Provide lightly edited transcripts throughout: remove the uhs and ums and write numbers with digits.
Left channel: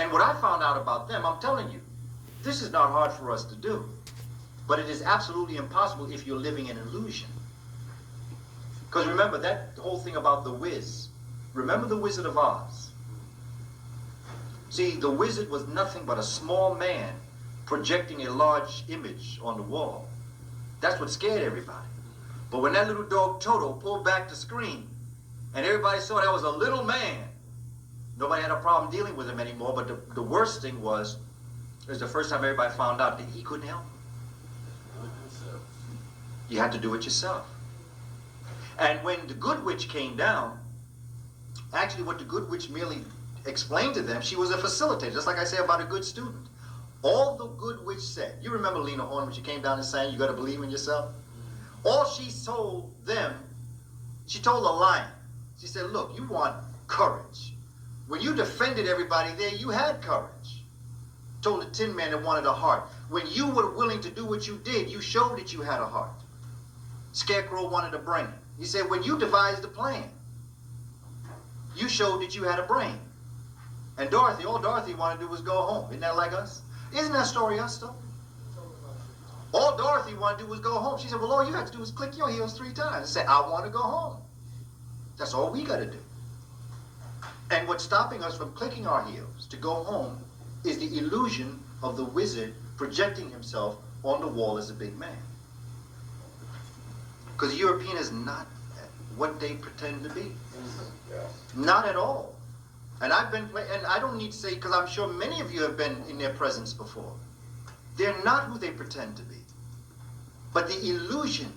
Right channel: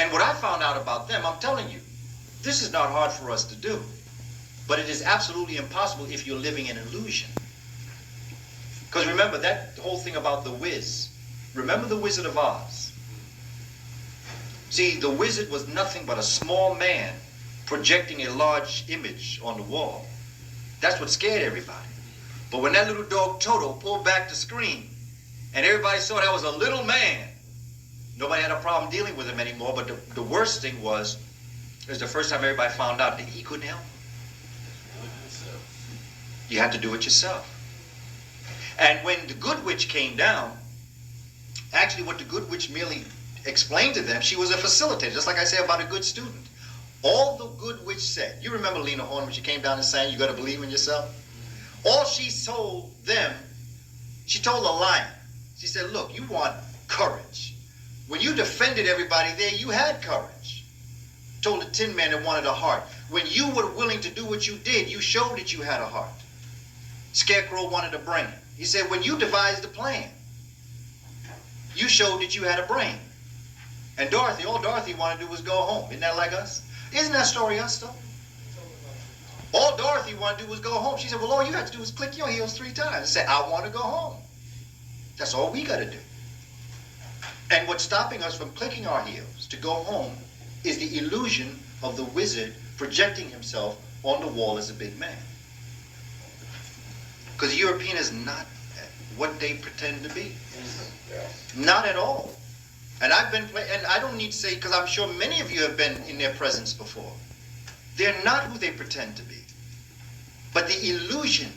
And what I found out about them, I'm telling you, this is not hard for us to do. But it is absolutely impossible if you're living in illusion. Because remember that whole thing about the Wiz. Remember the Wizard of Oz? See, the wizard was nothing but a small man projecting a large image on the wall. That's what scared everybody. But when that little dog Toto pulled back the screen and everybody saw that was a little man, nobody had a problem dealing with him anymore. But the worst thing was, it was the first time everybody found out that he couldn't help. You had to do it yourself. And when the good witch came down, actually what the good witch merely explained to them, she was a facilitator, just like I say about a good student. All the good witch said, you remember Lena Horne when she came down and sang, you got to believe in yourself? All she told them, she told the lion, she said, look, you want courage. When you defended everybody there, you had courage. Told the Tin Man that wanted a heart. When you were willing to do what you did, you showed that you had a heart. Scarecrow wanted a brain. He said, when you devised the plan, you showed that you had a brain. And Dorothy, all Dorothy wanted to do was go home. Isn't that like us? Isn't that story us, though? All Dorothy wanted to do was go home. She said, well, all you have to do is click your heels 3 times and say, I want to go home. That's all we got to do. And what's stopping us from clicking our heels to go home is the illusion of the wizard projecting himself on the wall as a big man. Because the European is not what they pretend to be. Not at all. And and I don't need to say, because I'm sure many of you have been in their presence before. They're not who they pretend to be. But the illusion,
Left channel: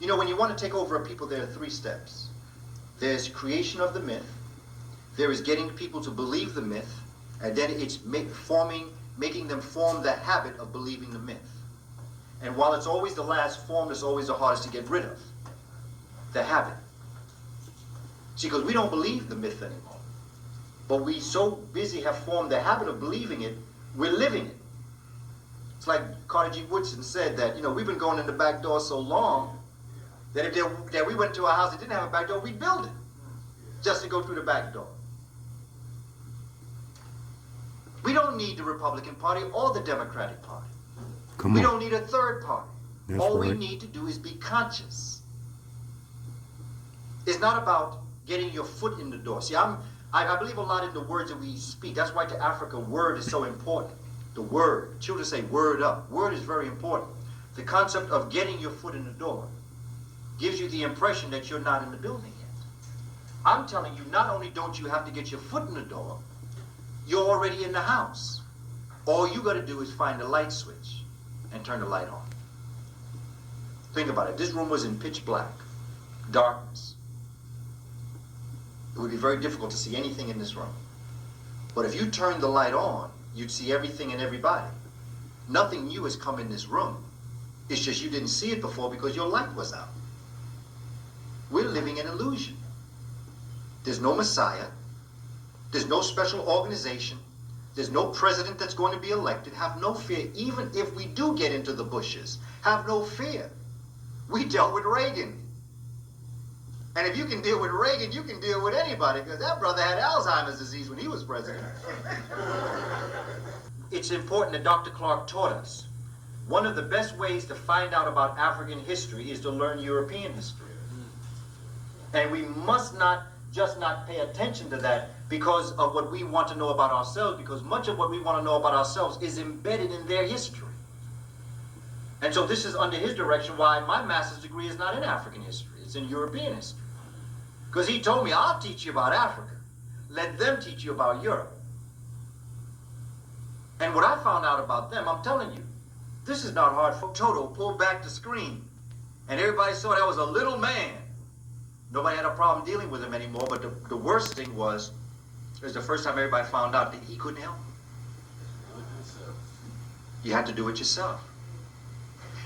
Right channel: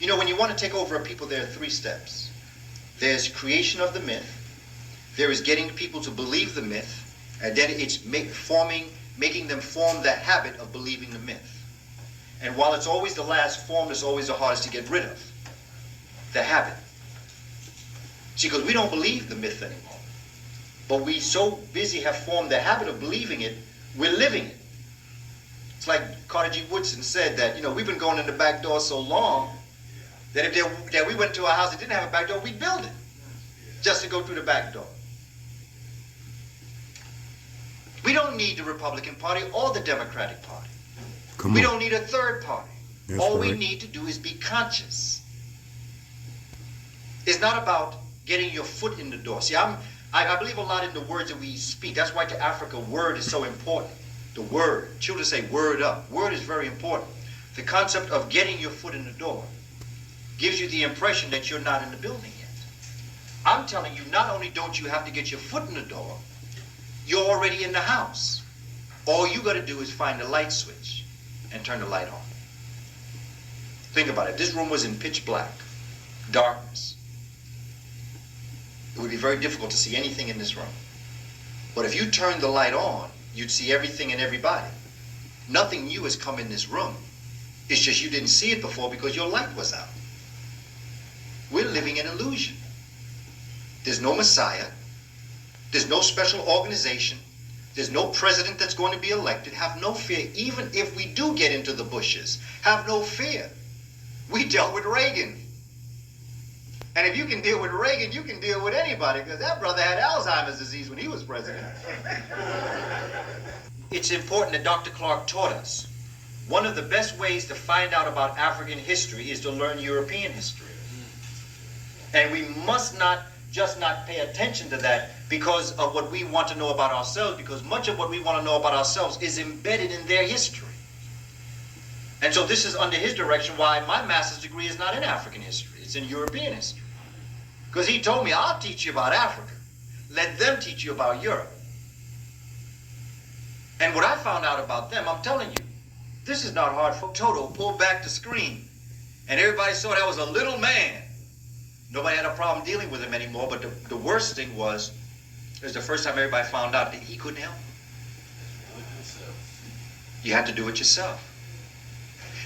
you know, when you want to take over a people, there are 3 steps. There's creation of the myth. There is getting people to believe the myth. And then it's making them form the habit of believing the myth. And while it's always the last form, it's always the hardest to get rid of. The habit. See, because we don't believe the myth anymore. But we so busy have formed the habit of believing it, we're living it. It's like Carter G. Woodson said that, you know, we've been going in the back door so long that if we went to a house that didn't have a back door, we'd build it just to go through the back door. We don't need the Republican Party or the Democratic Party. We don't need a third party. That's All right. we need to do is be conscious. It's not about getting your foot in the door. See, I believe a lot in the words that we speak. That's why to Africa, word is so important. The word. Children say word up. Word is very important. The concept of getting your foot in the door gives you the impression that you're not in the building yet. I'm telling you, not only don't you have to get your foot in the door, you're already in the house. All you got to do is find the light switch and turn the light on. Think about it. This room was in pitch black, darkness. It would be very difficult to see anything in this room. But if you turned the light on, you'd see everything and everybody. Nothing new has come in this room. It's just you didn't see it before because your light was out. We're living in illusion. There's no Messiah. There's no special organization. There's no president that's going to be elected. Have no fear. Even if we do get into the bushes, have no fear. We dealt with Reagan. And if you can deal with Reagan, you can deal with anybody, because that brother had Alzheimer's disease when he was president. It's important that Dr. Clark taught us. One of the best ways to find out about African history is to learn European history. And we must not pay attention to that because of what we want to know about ourselves, because much of what we want to know about ourselves is embedded in their history. And so this is under his direction why my master's degree is not in African history, it's in European history. Because he told me, I'll teach you about Africa. Let them teach you about Europe. And what I found out about them, I'm telling you, this is not hard for Toto pulled back the screen. And everybody saw that was a little man. Nobody had a problem dealing with him anymore, but the worst thing was, it was the first time everybody found out that he couldn't help. You had to do it yourself.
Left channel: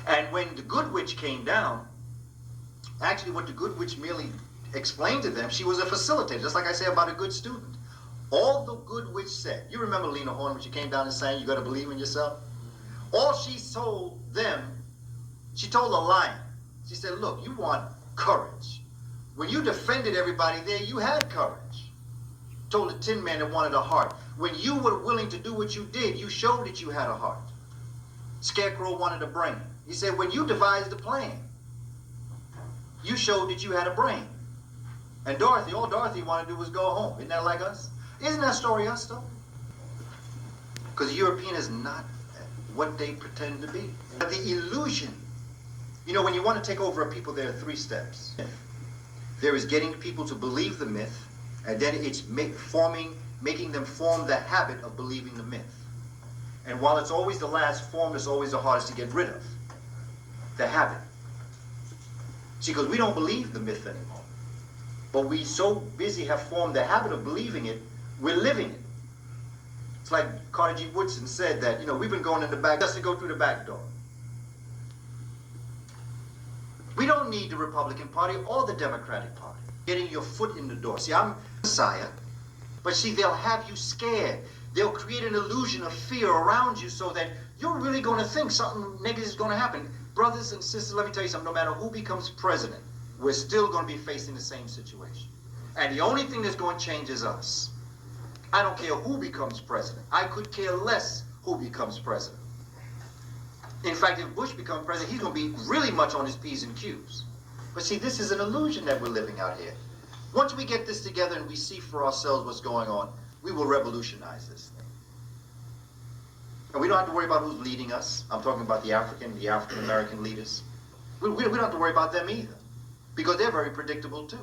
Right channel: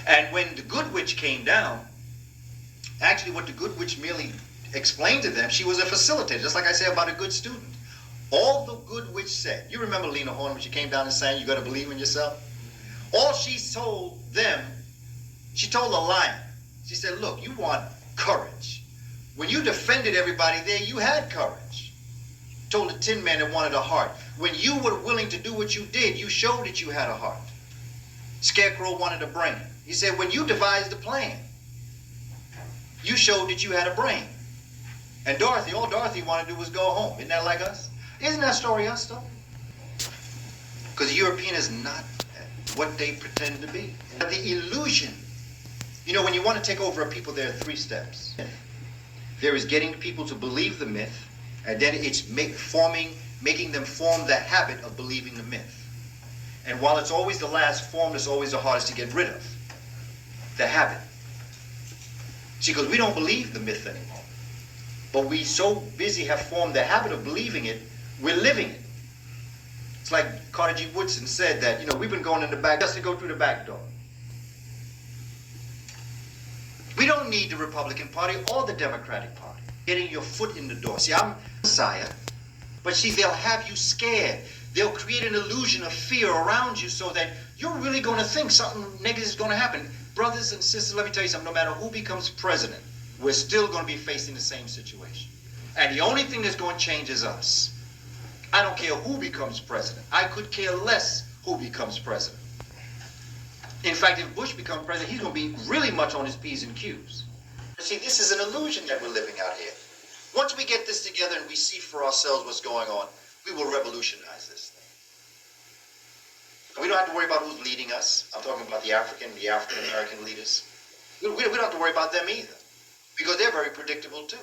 And when the good witch came down, actually what the good witch merely explained to them, she was a facilitator, just like I say about a good student. All the good witch said, you remember Lena Horne when she came down and sang, you got to believe in yourself? All she told them, she told the lion, she said, look, you want courage. When you defended everybody there, you had courage. told the Tin Man that wanted a heart. When you were willing to do what you did, you showed that you had a heart. Scarecrow wanted a brain. He said, when you devised the plan, you showed that you had a brain. And Dorothy, all Dorothy wanted to do was go home. Isn't that like us? Isn't that story us, though? Because the European is not what they pretend to be. The illusion. You know, when you want to take over a people, there are 3 steps. There is getting people to believe the myth, and then it's making them form the habit of believing the myth. And while it's always the last form, it's always the hardest to get rid of. The habit. See, because we don't believe the myth anymore. But we so busy have formed the habit of believing it, we're living it. It's like Carter G. Woodson said that, you know, we've been going in the back just to go through the back door. We don't need the Republican Party or the Democratic Party. Getting your foot in the door. See, I'm Messiah, but see, they'll have you scared. They'll create an illusion of fear around you so that you're really going to think something negative is going to happen. Brothers and sisters, let me tell you something. No matter who becomes president, we're still going to be facing the same situation. And the only thing that's going to change is us. I don't care who becomes president. I could care less who becomes president. In fact, if Bush becomes president, he's going to be really much on his P's and Q's. But see, this is an illusion that we're living out here. Once we get this together and we see for ourselves what's going on, we will revolutionize this thing. And we don't have to worry about who's leading us. I'm talking about the African-American leaders. We don't have to worry about them either, because they're very predictable too.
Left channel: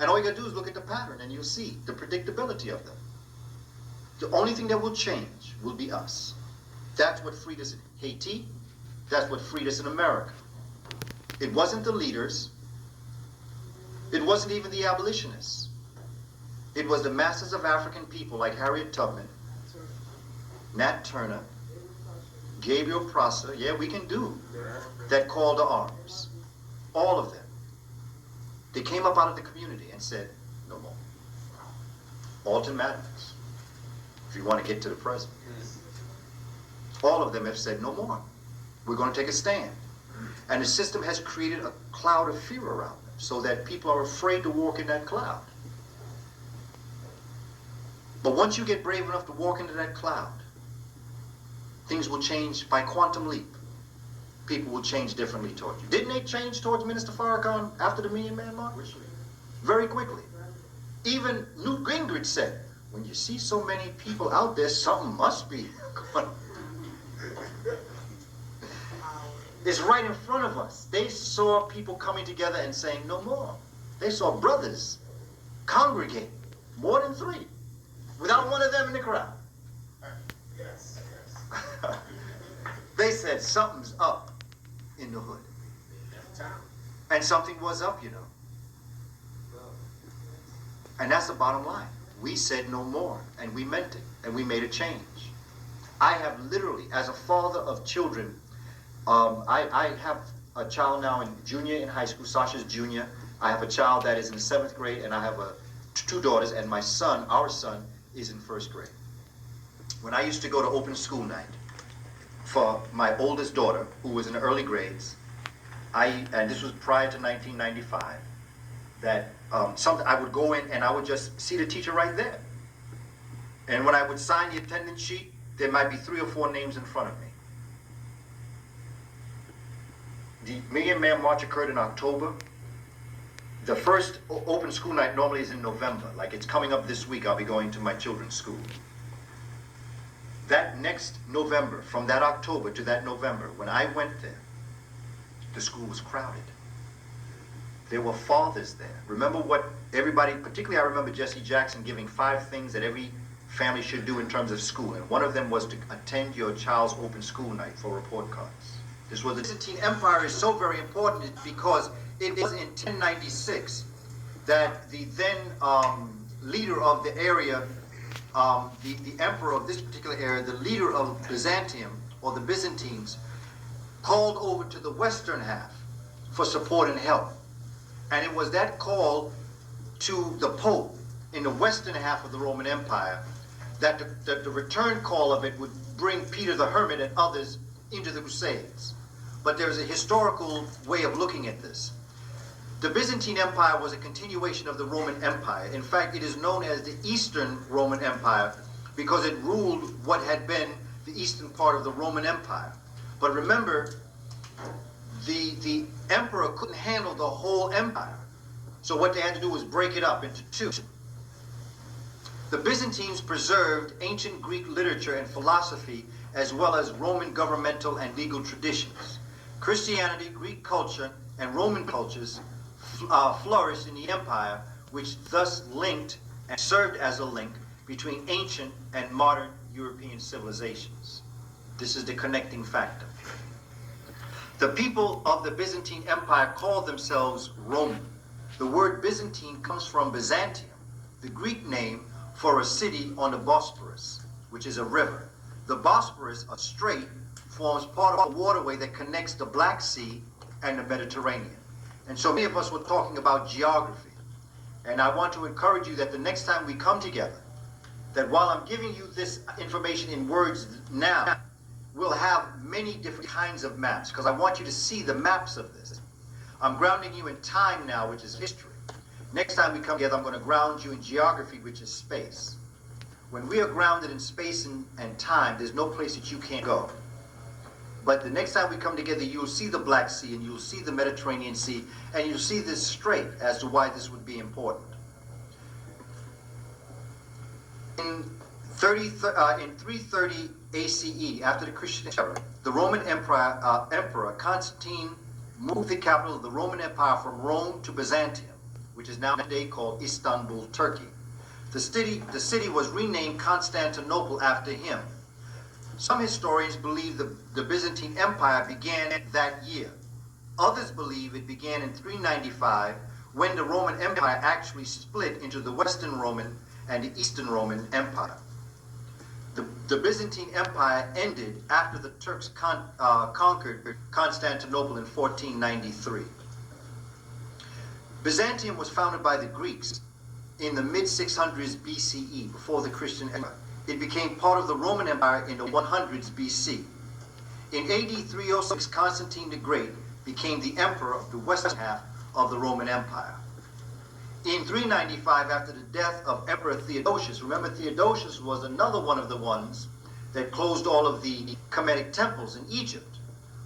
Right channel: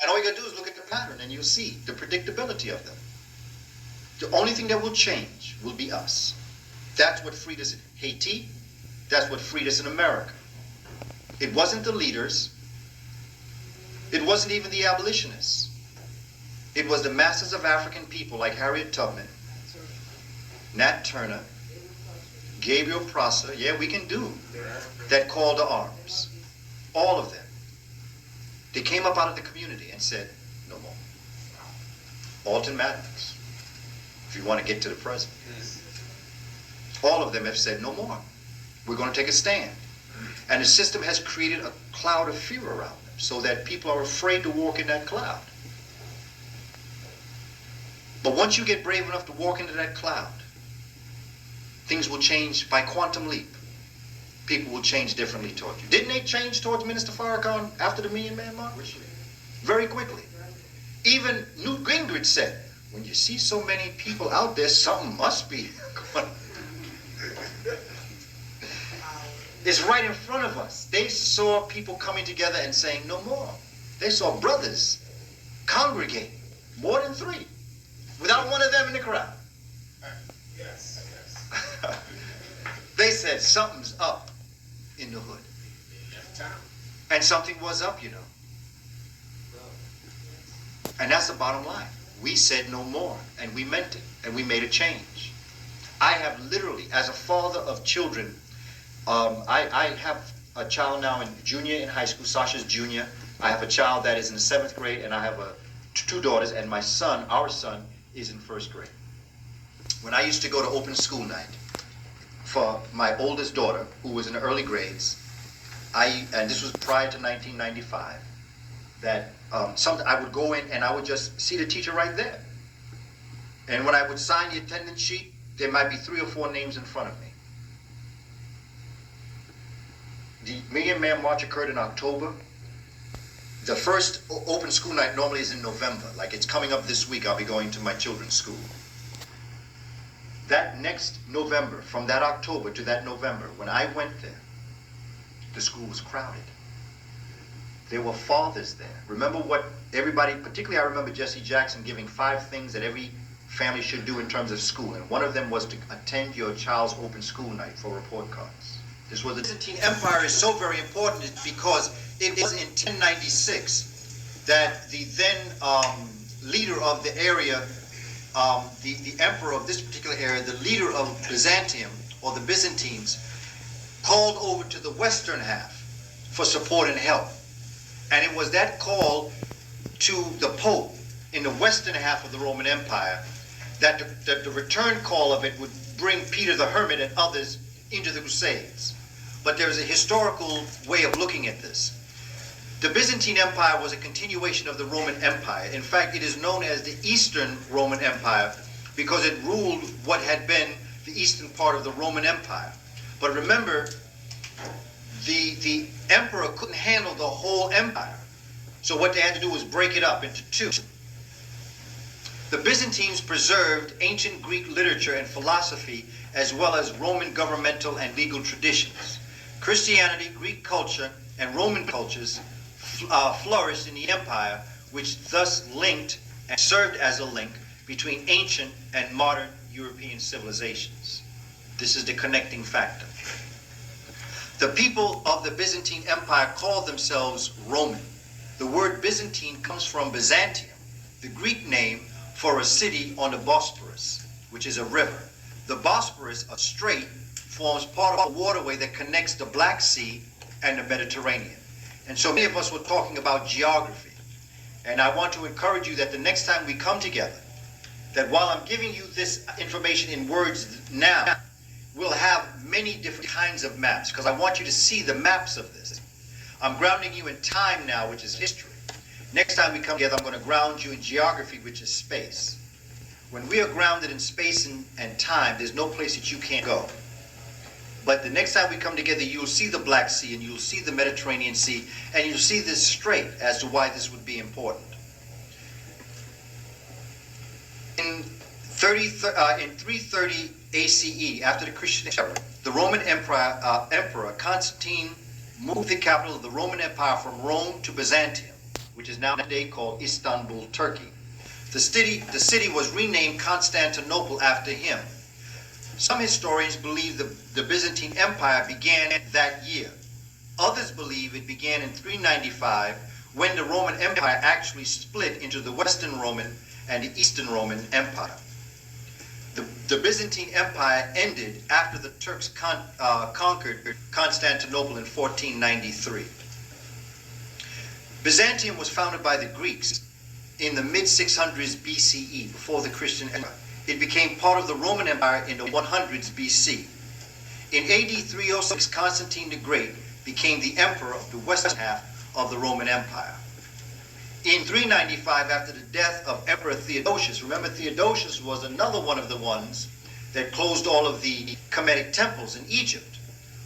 And all you got to do is look at the pattern and you'll see the predictability of them. The only thing that will change will be us. That's what freed us in Haiti. That's what freed us in America. It wasn't the leaders. It wasn't even the abolitionists. It was the masses of African people like Harriet Tubman, Nat Turner, Gabriel Prosser, yeah, we can do, that called to arms. All of them. They came up out of the community and said, no more. Alton Maddox, if you want to get to the present. All of them have said, no more. We're going to take a stand. And the system has created a cloud of fear around them so that people are afraid to walk in that cloud. But once you get brave enough to walk into that cloud, things will change by quantum leap. People will change differently towards you. Didn't they change towards Minister Farrakhan after the Million Man March? Very quickly. Even Newt Gingrich said, when you see so many people out there, something must be going on. It's right in front of us. They saw people coming together and saying, no more. They saw brothers congregate, more than 3, without one of them in the crowd. Yes. They said, something's up in the hood. And something was up, you know. And that's the bottom line. We said no more, and we meant it, and we made a change. I have literally, as a father of children, I have a child now in junior in high school. Sasha's junior. I have a child that is in the 7th grade, and I have 2 daughters, and my son, our son, is in 1st grade. When I used to go to open school night for my oldest daughter, who was in the early grades, and this was prior to 1995, that I would go in and I would just see the teacher right there. And when I would sign the attendance sheet, there might be 3 or 4 names in front of me. The Million Man March occurred in October. The first open school night normally is in November. Like it's coming up this week, I'll be going to my children's school. That next November, from that October to that November, when I went there, the school was crowded. There were fathers there. Remember what everybody, particularly I remember Jesse Jackson giving 5 things that every family should do in terms of school. And one of them was to attend your child's open school night for report cards. This was the Byzantine Empire is so very important because it was in 1096 that the then leader of the area, the emperor of this particular area, the leader of Byzantium, or the Byzantines, called over to the western half for support and help. And it was that call to the Pope in the western half of the Roman Empire that the return call of it would bring Peter the Hermit and others into the Crusades. But there's a historical way of looking at this. The Byzantine Empire was a continuation of the Roman Empire. In fact, it is known as the Eastern Roman Empire because it ruled what had been the eastern part of the Roman Empire. But remember, the emperor couldn't handle the whole empire. So what they had to do was break it up into two. The Byzantines preserved ancient Greek literature and philosophy, as well as Roman governmental and legal traditions. Christianity, Greek culture, and Roman cultures flourished in the empire, which thus linked and served as a link between ancient and modern European civilizations. This is the connecting factor. The people of the Byzantine Empire called themselves Roman. The word Byzantine comes from Byzantium, the Greek name for a city on the Bosporus, which is a river. The Bosporus, a strait, forms part of a waterway that connects the Black Sea and the Mediterranean. And so many of us were talking about geography. And I want to encourage you that the next time we come together, that while I'm giving you this information in words now, we'll have many different kinds of maps, because I want you to see the maps of this. I'm grounding you in time now, which is history. Next time we come together, I'm going to ground you in geography, which is space. When we are grounded in space and time, there's no place that you can't go. But the next time we come together, you'll see the Black Sea, and you'll see the Mediterranean Sea, and you'll see this strait as to why this would be important. In 330 ACE, after the Christian era, the Roman Emperor Constantine moved the capital of the Roman Empire from Rome to Byzantium, which is now today called Istanbul, Turkey. The city was renamed Constantinople after him. Some historians believe the Byzantine Empire began that year. Others believe it began in 395, when the Roman Empire actually split into the Western Roman and the Eastern Roman Empire. The Byzantine Empire ended after the Turks conquered Constantinople in 1493. Byzantium was founded by the Greeks in the mid-600s BCE, before the Christian era. It became part of the Roman Empire in the 100s BC. In AD 306, Constantine the Great became the emperor of the western half of the Roman Empire. In 395, after the death of Emperor Theodosius, remember Theodosius was another one of the ones that closed all of the Kemetian Temples in Egypt.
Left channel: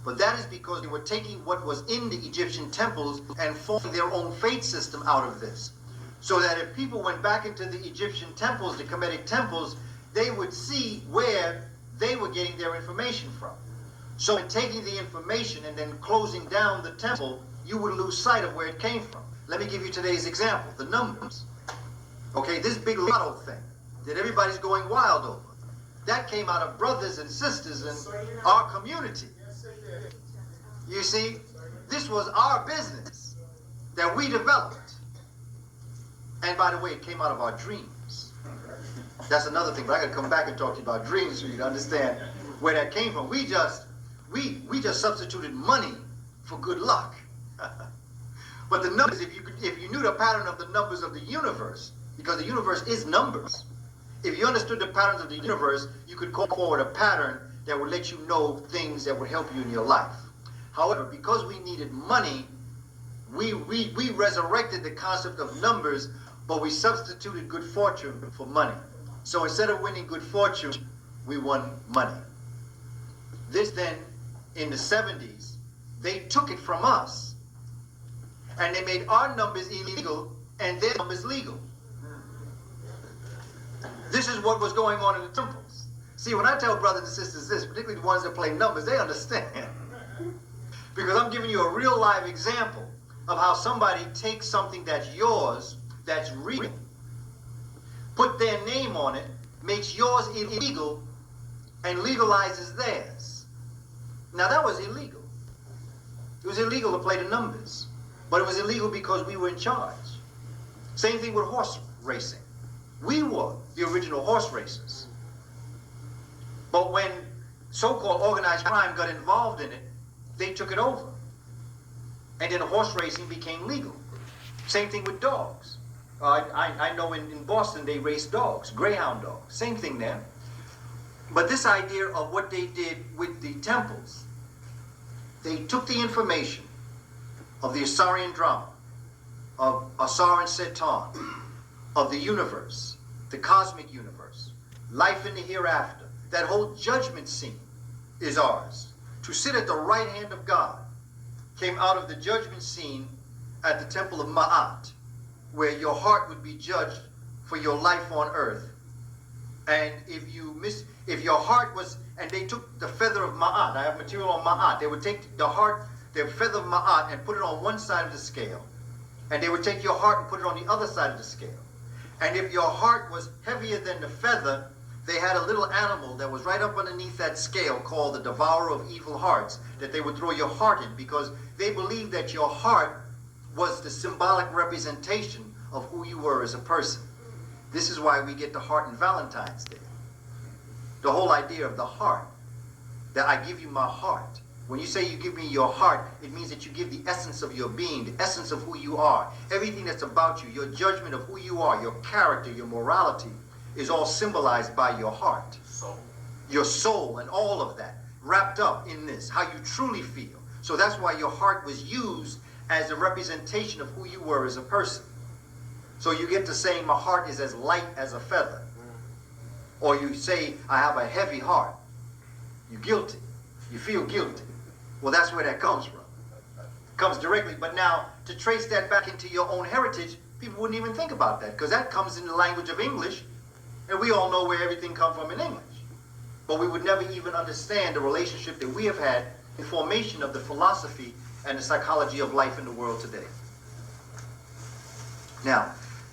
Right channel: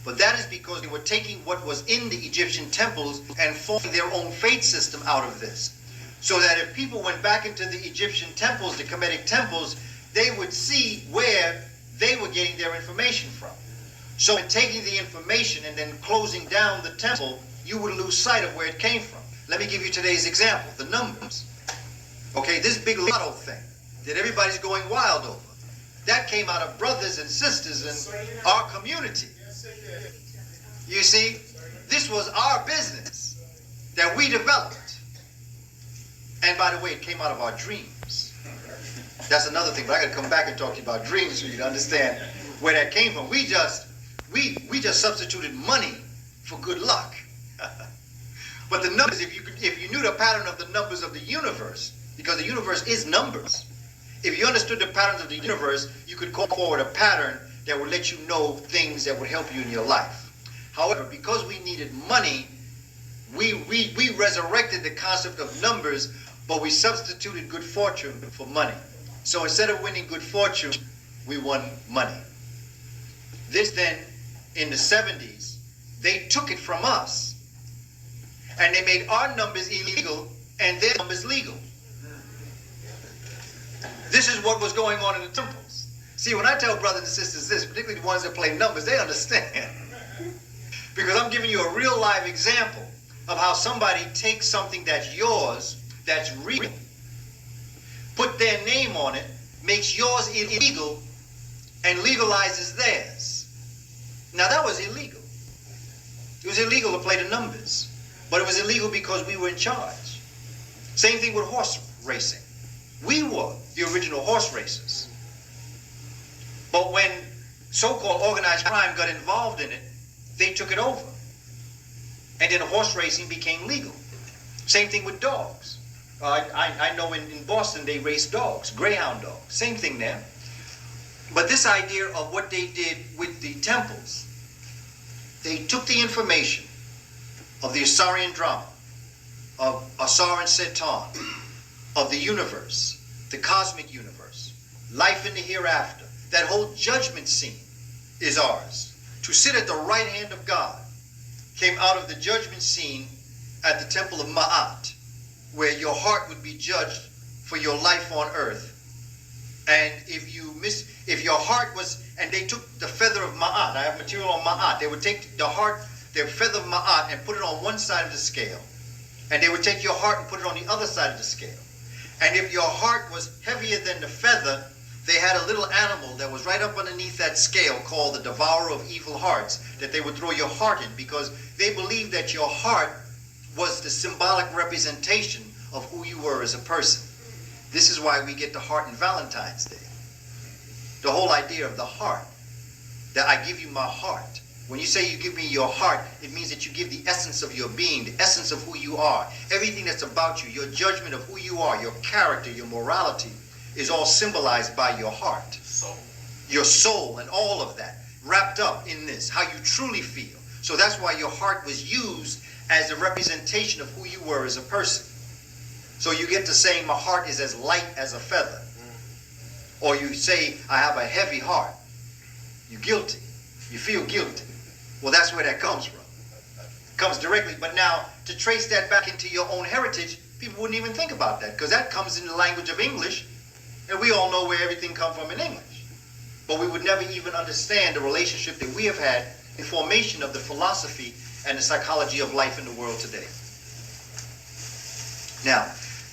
But that is because they were taking what was in the Egyptian temples and forming their own faith system out of this. So that if people went back into the Egyptian temples, the Kemetian Temples, they would see where they were getting their information from. So in taking the information and then closing down the temple, you would lose sight of where it came from. Let me give you today's example, the numbers. Okay, this big lotto thing that everybody's going wild over, that came out of brothers and sisters in our community. You see, this was our business that we developed. And by the way, it came out of our dreams. That's another thing, but I gotta come back and talk to you about dreams so you can understand where that came from. We just substituted money for good luck. But the numbers, if you knew the pattern of the numbers of the universe, because the universe is numbers, if you understood the patterns of the universe, you could call forward a pattern that would let you know things that would help you in your life. However, because we needed money, we resurrected the concept of numbers, but we substituted good fortune for money. So instead of winning good fortune, we won money. This then, in the 70s, they took it from us, and they made our numbers illegal and their numbers legal. This is what was going on in the temples. See, when I tell brothers and sisters this, particularly the ones that play numbers, they understand. Because I'm giving you a real live example of how somebody takes something that's yours, that's real, put their name on it, makes yours illegal, and legalizes theirs. Now that was illegal. It was illegal to play the numbers. But it was illegal because we were in charge. Same thing with horse racing. We were the original horse racers. But when so-called organized crime got involved in it, they took it over. And then horse racing became legal. Same thing with dogs. I know in Boston they race dogs, greyhound dogs. Same thing there. But this idea of what they did with the temples, they took the information of the Assyrian drama, of Asar and Setan, of the universe, the cosmic universe, life in the hereafter. That whole judgment scene is ours. To sit at the right hand of God came out of the judgment scene at the temple of Ma'at, where your heart would be judged for your life on earth. And if your heart was, and they took the feather of Ma'at, I have material on Ma'at, they would take the heart, their feather of Ma'at, and put it on one side of the scale. And they would take your heart and put it on the other side of the scale. And if your heart was heavier than the feather, they had a little animal that was right up underneath that scale called the devourer of evil hearts that they would throw your heart in, because they believed that your heart was the symbolic representation of who you were as a person. This is why we get the heart on Valentine's Day. The whole idea of the heart, that I give you my heart. When you say you give me your heart, it means that you give the essence of your being, the essence of who you are. Everything that's about you, your judgment of who you are, your character, your morality, is all symbolized by your heart. Your soul and all of that, wrapped up in this, how you truly feel. So that's why your heart was used as a representation of who you were as a person. So you get to say, my heart is as light as a feather. Or you say, I have a heavy heart. You're guilty. You feel guilty. Well, that's where that comes from. It comes directly. But now, to trace that back into your own heritage, people wouldn't even think about that, because that comes in the language of English, and we all know where everything comes from in English. But we would never even understand the relationship that we have had in formation of the philosophy and the psychology of life in the world today. Now,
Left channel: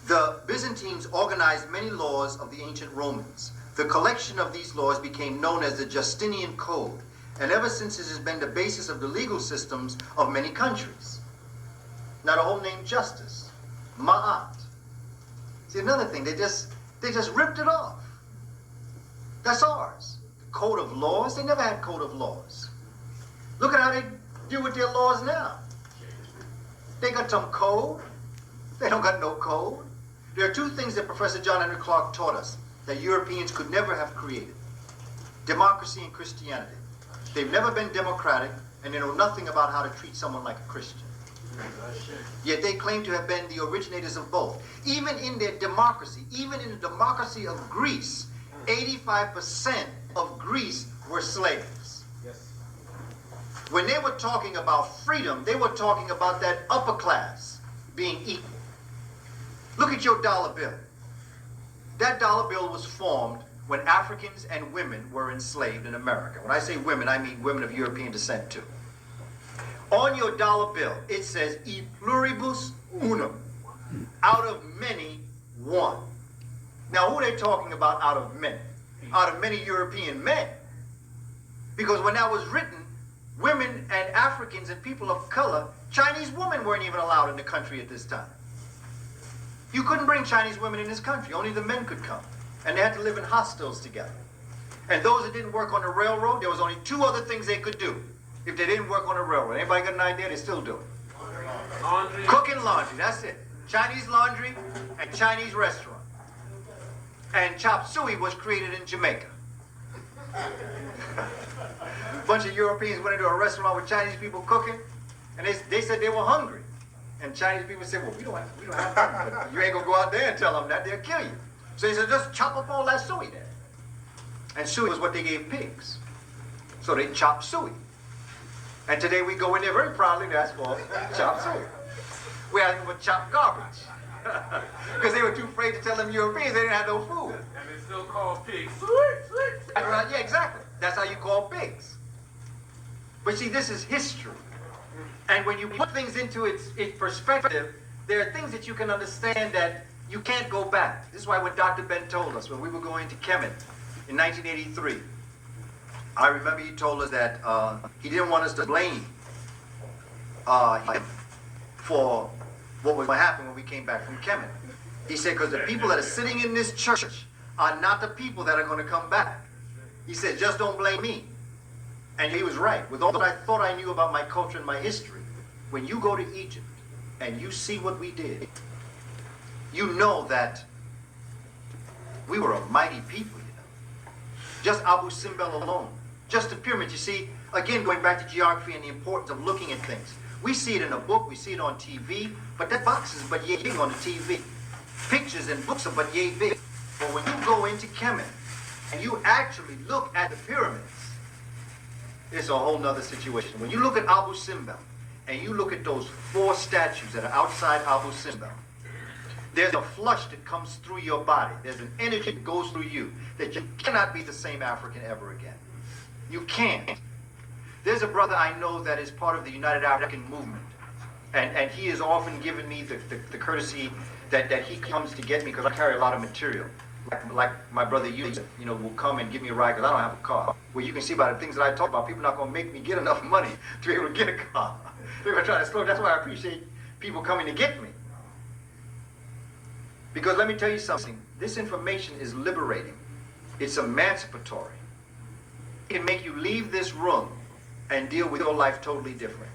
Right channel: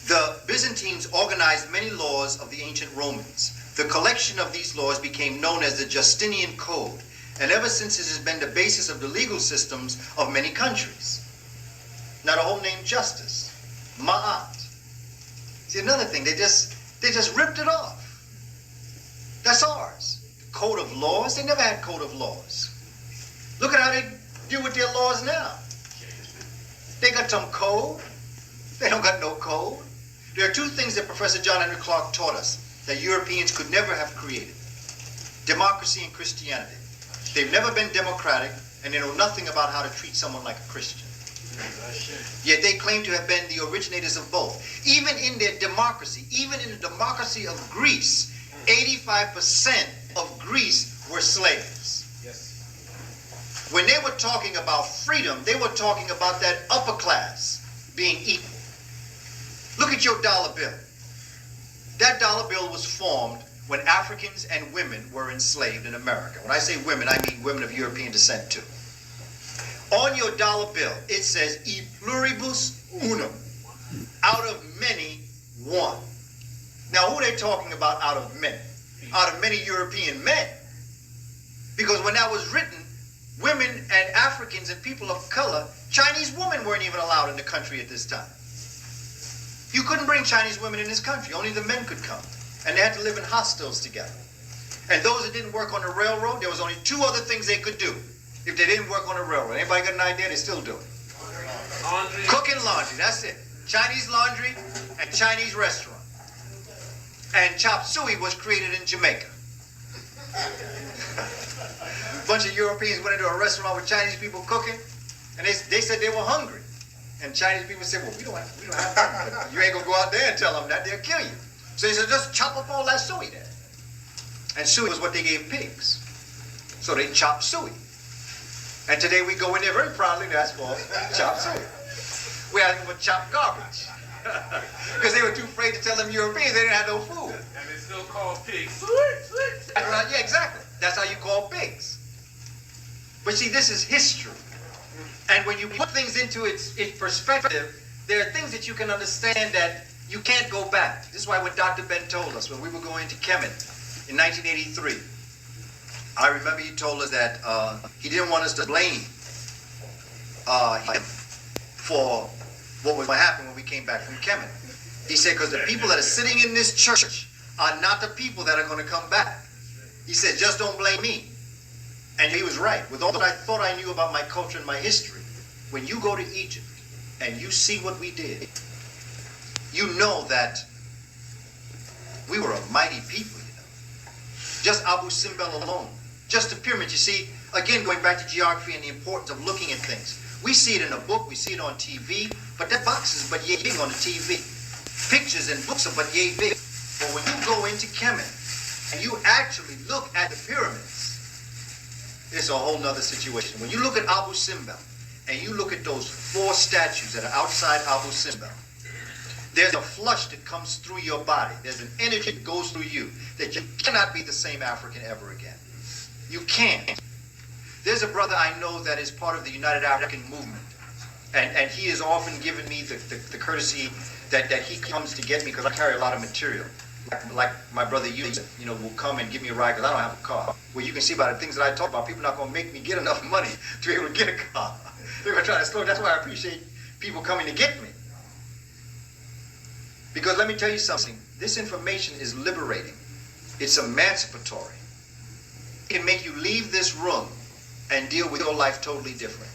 the Byzantines organized many laws of the ancient Romans. The collection of these laws became known as the Justinian Code, and ever since it has been the basis of the legal systems of many countries. Now the whole name justice, ma'at. See, another thing, they just ripped it off. That's ours. Code of laws, they never had code of laws. Look at how they deal with their laws now. They got some code. They don't got no code. There are two things that Professor John Henry Clarke taught us that Europeans could never have created: democracy and Christianity. They've never been democratic, and they know nothing about how to treat someone like a Christian. Yet they claim to have been the originators of both. Even in their democracy, even in the democracy of Greece, 85% of Greece were slaves. Yes. When they were talking about freedom, they were talking about that upper class being equal. Look at your dollar bill. That dollar bill was formed when Africans and women were enslaved in America. When I say women, I mean women of European descent too. On your dollar bill, it says, e pluribus unum, out of many, one. Now, who are they talking about out of many? Out of many European men. Because when that was written, women and Africans and people of color, Chinese women weren't even allowed in the country at this time. You couldn't bring Chinese women in this country. Only the men could come. And they had to live in hostels together. And those that didn't work on the railroad, there was only two other things they could do if they didn't work on the railroad. Anybody got an idea? They still do it. Laundry. Cook and laundry, that's it. Chinese laundry and Chinese restaurant. And chop suey was created in Jamaica. A bunch of Europeans went into a restaurant with Chinese people cooking, and they said they were hungry. And Chinese people said, well, we don't have time. You ain't gonna go out there and tell them that, they'll kill you. So they said, just chop up all that suey there. And suey was what they gave pigs. So they chopped suey. And today we go in there very proudly, that's for chop suey. We had them chop garbage. Because they were too afraid to tell them Europeans they didn't have no food. And it's still called pigs. Yeah, exactly. That's how you call pigs. But see, this is history. And when you put things into its perspective, there are things that you can understand that you can't go back. This is why when Dr. Ben told us, when we were going to Kemet in 1983, I remember he told us that he didn't want us to blame him for what would happen when we came back from Kemet. He said, because the people that are sitting in this church are not the people that are going to come back. He said, just don't blame me. And he was right. With all that I thought I knew about my culture and my history, when you go to Egypt and you see what we did, you know that we were a mighty people. Just Abu Simbel alone. Just the pyramids. You see, again, going back to geography and the importance of looking at things. We see it in a book, we see it on TV, but that box is but yay big on the TV. Pictures and books are but yay big. But when you go into Kemet and you actually look at the pyramids, it's a whole nother situation. When you look at Abu Simbel and you look at those 4 statues that are outside Abu Simbel, there's a flush that comes through your body. There's an energy that goes through you that you cannot be the same African ever again. You can't. There's a brother I know that is part of the United African Movement, and he has often given me the courtesy that he comes to get me because I carry a lot of material. Like my brother will come and give me a ride because I don't have a car. Well, you can see by the things that I talk about, people are not going to make me get enough money to be able to get a car. They're going to try to slow. That's why I appreciate people coming to get me. Because let me tell you something, this information is liberating. It's emancipatory. It can make you leave this room and deal with your life totally different.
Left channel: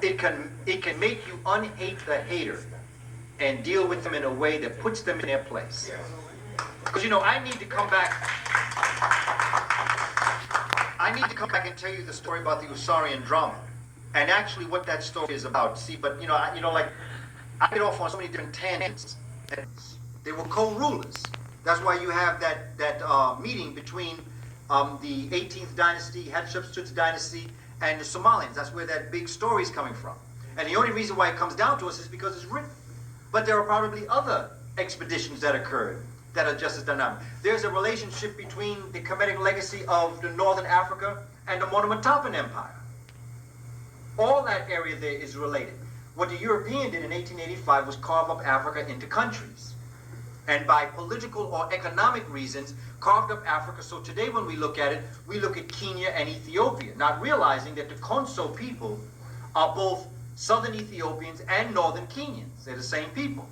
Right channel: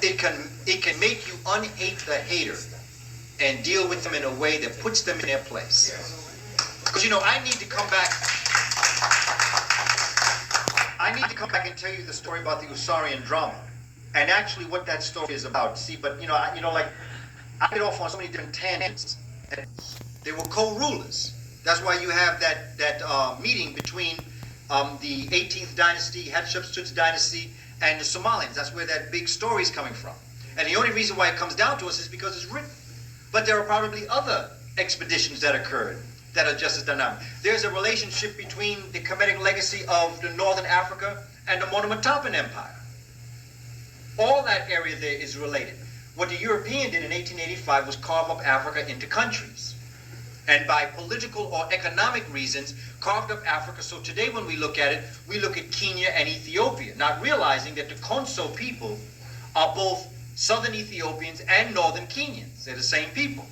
It can make you unhate the hater and deal with them in a way that puts them in their place. Because I need to come back. I need to come back and tell you the story about the Usarian drama, and actually what that story is about. See, but like I get off on so many different tangents. They were co-rulers. That's why you have that meeting between the 18th dynasty, Hatshepsut's dynasty, and the Somalians. That's where that big story is coming from. And the only reason why it comes down to us is because it's written. But there are probably other expeditions that occurred that are just as dynamic. There's a relationship between the Kemetian legacy of the Northern Africa and the Monomotapa Empire. All that area there is related. What the European did in 1885 was carve up Africa into countries. And by political or economic reasons, carved up Africa. So today when we look at it, we look at Kenya and Ethiopia, not realizing that the Konso people are both southern Ethiopians and northern Kenyans. They're the same people.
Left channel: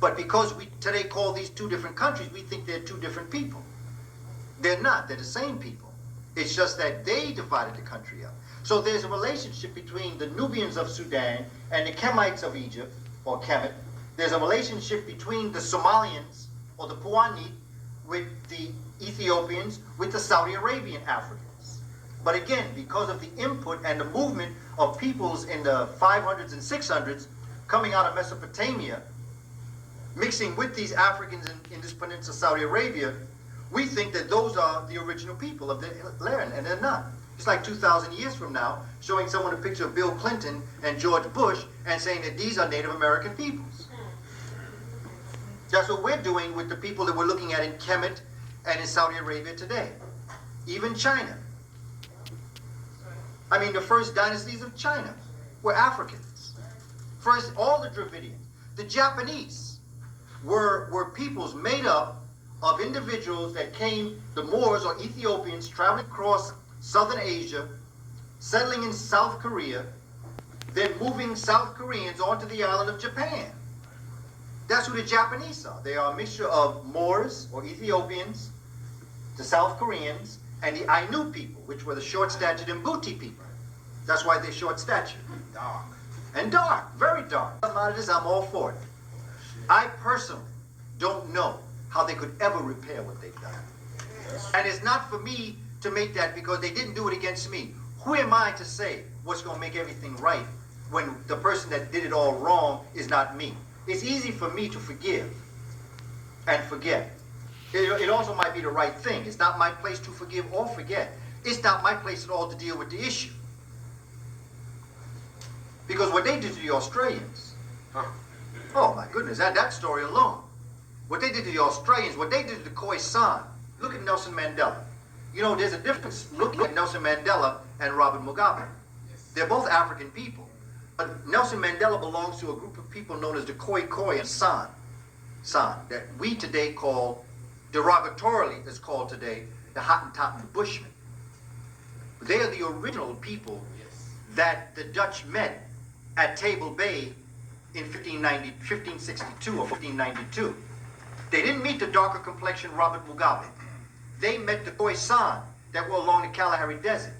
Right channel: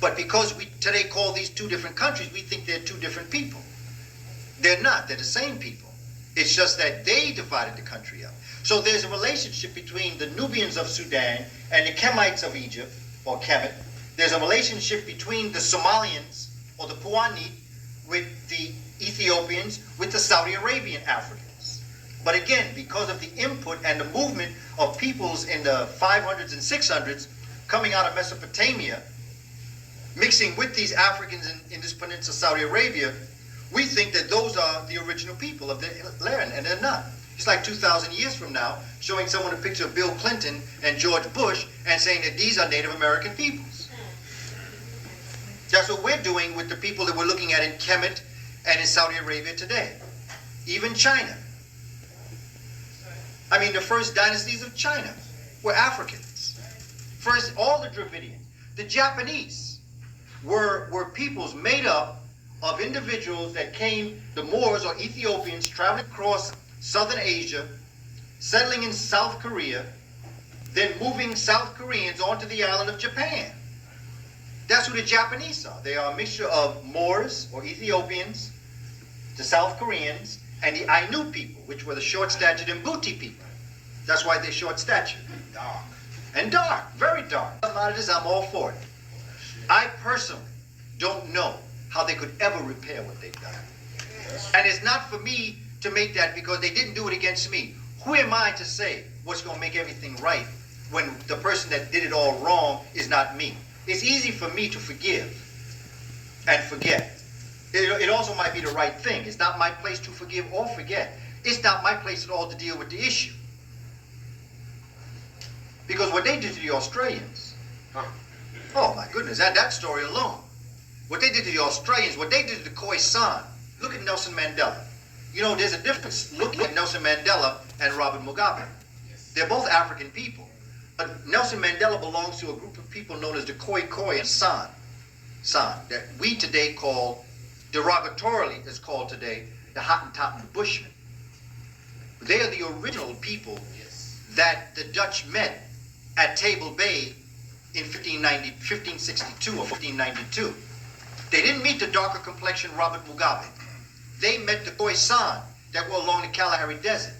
But because we today call these 2 different countries, we think they're 2 different people. They're not. They're the same people. It's just that they divided the country up. So there's a relationship between the Nubians of Sudan and the Kemites of Egypt, or Kemet. There's a relationship between the Somalians, or the Puani, with the Ethiopians, with the Saudi Arabian Africans. But again, because of the input and the movement of peoples in the 500s and 600s coming out of Mesopotamia, mixing with these Africans in this peninsula, Saudi Arabia, we think that those are the original people of the land, and they're not. It's like 2,000 years from now, showing someone a picture of Bill Clinton and George Bush and saying that these are Native American peoples. That's what we're doing with the people that we're looking at in Kemet and in Saudi Arabia today. Even China. I mean, the first dynasties of China were Africans. First, all the Dravidians. The Japanese were peoples made up of individuals that came, the Moors or Ethiopians, traveling across Southern Asia, settling in South Korea, then moving South Koreans onto the island of Japan. That's who the Japanese are. They are a mixture of Moors or Ethiopians, the South Koreans, and the Ainu people, which were the short-statured Mbuti people. That's why they're short-statured. Dark. And dark, very dark. A lot of this, I'm all for it. I personally don't know how they could ever repair what they've done. And it's not for me to make that because they didn't do it against me. Who am I to say what's going to make everything right when the person that did it all wrong is not me? It's easy for me to forgive and forget. It also might be the right thing. It's not my place to forgive or forget. It's not my place at all to deal with the issue. Because what they did to the Australians, oh my goodness, that story alone. What they did to the Australians, what they did to the Khoisan, look at Nelson Mandela. You know, there's a difference looking at Nelson Mandela and Robert Mugabe. They're both African people. But Nelson Mandela belongs to a group of people known as the Khoi and San, that we today call, derogatorily is called today, the Hottentot and the Bushmen. They are the original people that the Dutch met at Table Bay in 1562 or 1592. They didn't meet the darker complexion Robert Mugabe. They met the Khoisan that were along the Kalahari Desert.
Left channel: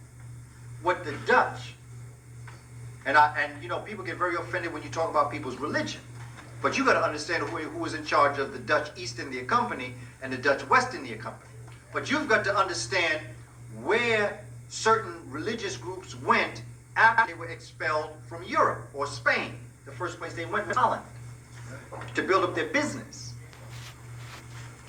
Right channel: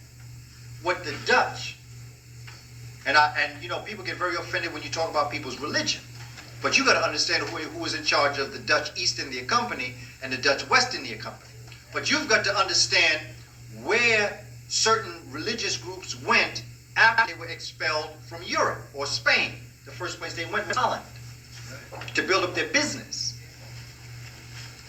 What the Dutch, and you know, people get very offended when you talk about people's religion, but you got to understand who was in charge of the Dutch East India Company and the Dutch West India Company. But you've got to understand where certain religious groups went after they were expelled from Europe or Spain. The first place they went was Holland to build up their business.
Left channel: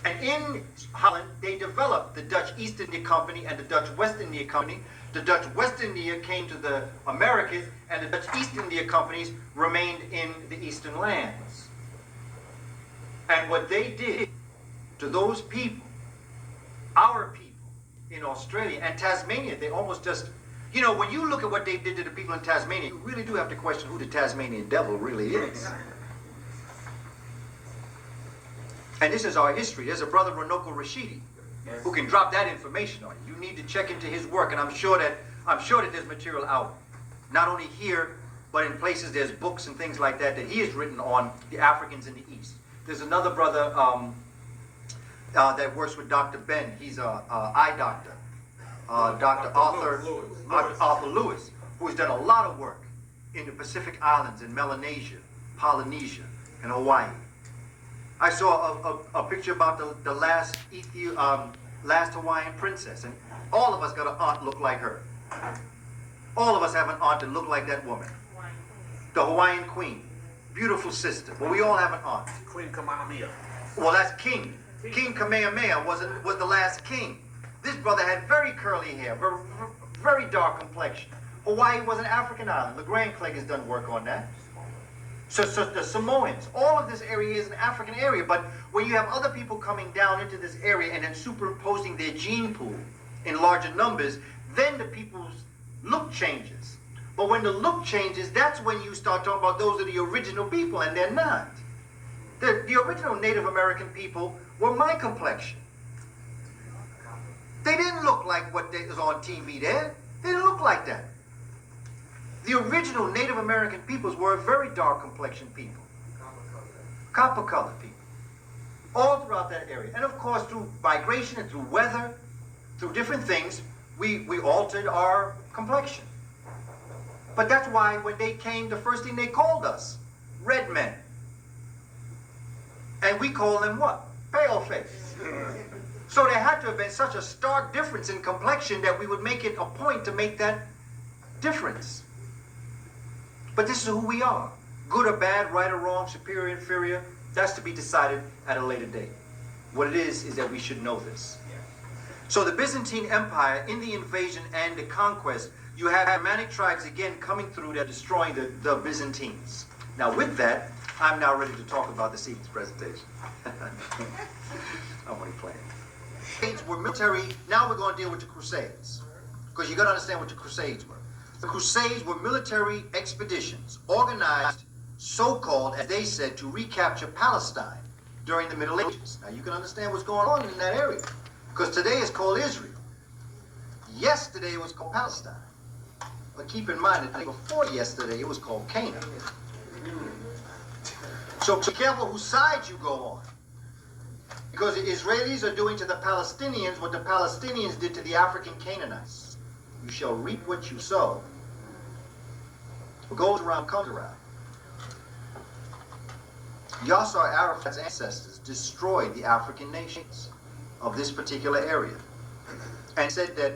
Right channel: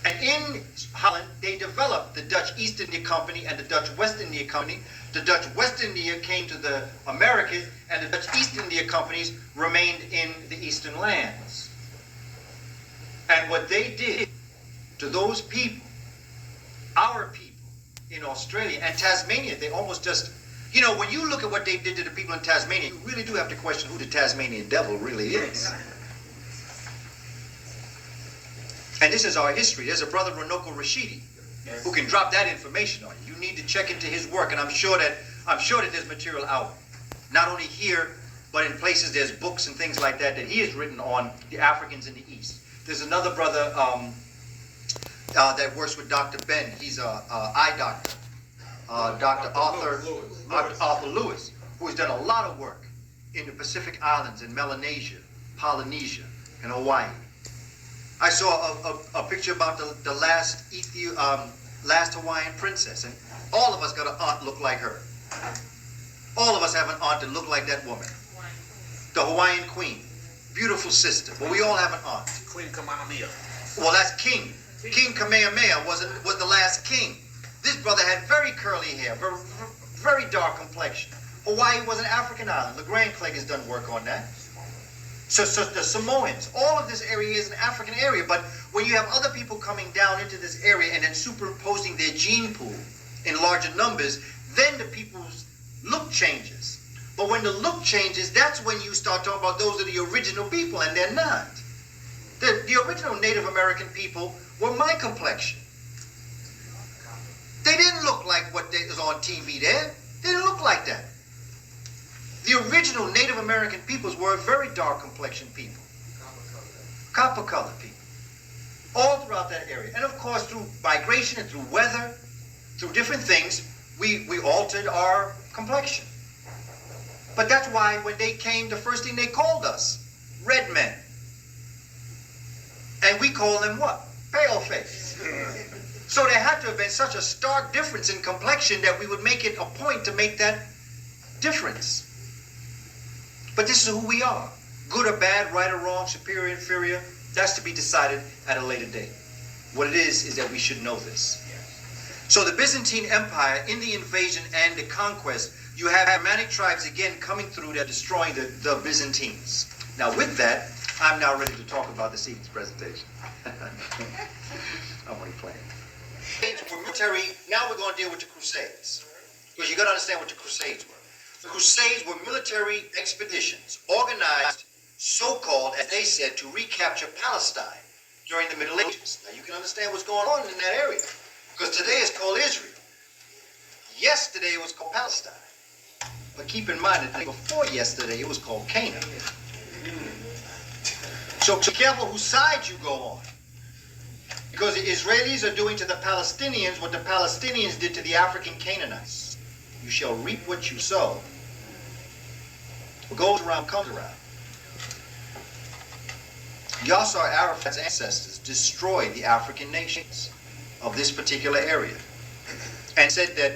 And in Holland, they developed the Dutch East India Company and the Dutch West India Company. The Dutch West India came to the Americas, and the Dutch East India Companies remained in the eastern lands. And what they did to those people, our people in Australia and Tasmania, they almost just, you know, when you look at what they did to the people in Tasmania, you really do have to question who the Tasmanian devil really is. And this is our history. There's a brother, Ronoko Rashidi, who can drop that information on you. You need to check into his work, and I'm sure that there's material out, not only here, but in places there's books and things like that he has written on the Africans in the East. There's another brother that works with Dr. Ben. He's an eye doctor, Dr. Arthur Lewis, who has done a lot of work in the Pacific Islands, in Melanesia, Polynesia, and Hawaii. I saw a picture about the last Hawaiian princess, and all of us got an aunt look like her. All of us have an aunt that looked like that woman. The Hawaiian queen, beautiful sister. But we all have an aunt. Queen Kamehameha. Well, that's king. King Kamehameha was the last king. This brother had very curly hair, very dark complexion. Hawaii was an African island. The Grand Plague has done work on that. So the Samoans, all of this area is an African area, but when you have other people coming down into this area and then superimposing their gene pool in larger numbers, then the people's look changes. But when the look changes, that's when you start talking about those are the original people, and they're not. The original Native American people were my complexion. They didn't look like what was on TV there. They didn't look like that. The original Native American peoples were a very dark complexioned people. Copper colored people. All throughout that area. And of course, through migration and through weather, through different things, we altered our complexion. But that's why when they came, the first thing they called us, red men. And we call them what? Pale face. So there had to have been such a stark difference in complexion that we would make it a point to make that difference. But this is who we are. Good or bad, right or wrong, superior, inferior, that's to be decided at a later date. What it is that we should know this. So the Byzantine Empire, in the invasion and the conquest, you have Germanic tribes again coming through that destroying the Byzantines. Now with that, I'm now ready to talk about this evening's presentation. I'm only playing. We're military. Now we're going to deal with the Crusades, because you've got to understand what the Crusades were. The Crusades were military expeditions organized, so-called, as they said, to recapture Palestine during the Middle Ages. Now you can understand what's going on in that area, because today it's called Israel. Yesterday it was called Palestine. But keep in mind that before yesterday it was called Canaan. So be careful whose side you go on. Because the Israelis are doing to the Palestinians what the Palestinians did to the African Canaanites. You shall reap what you sow. What goes around comes around. Yasser Arafat's ancestors destroyed the African nations of this particular area and said that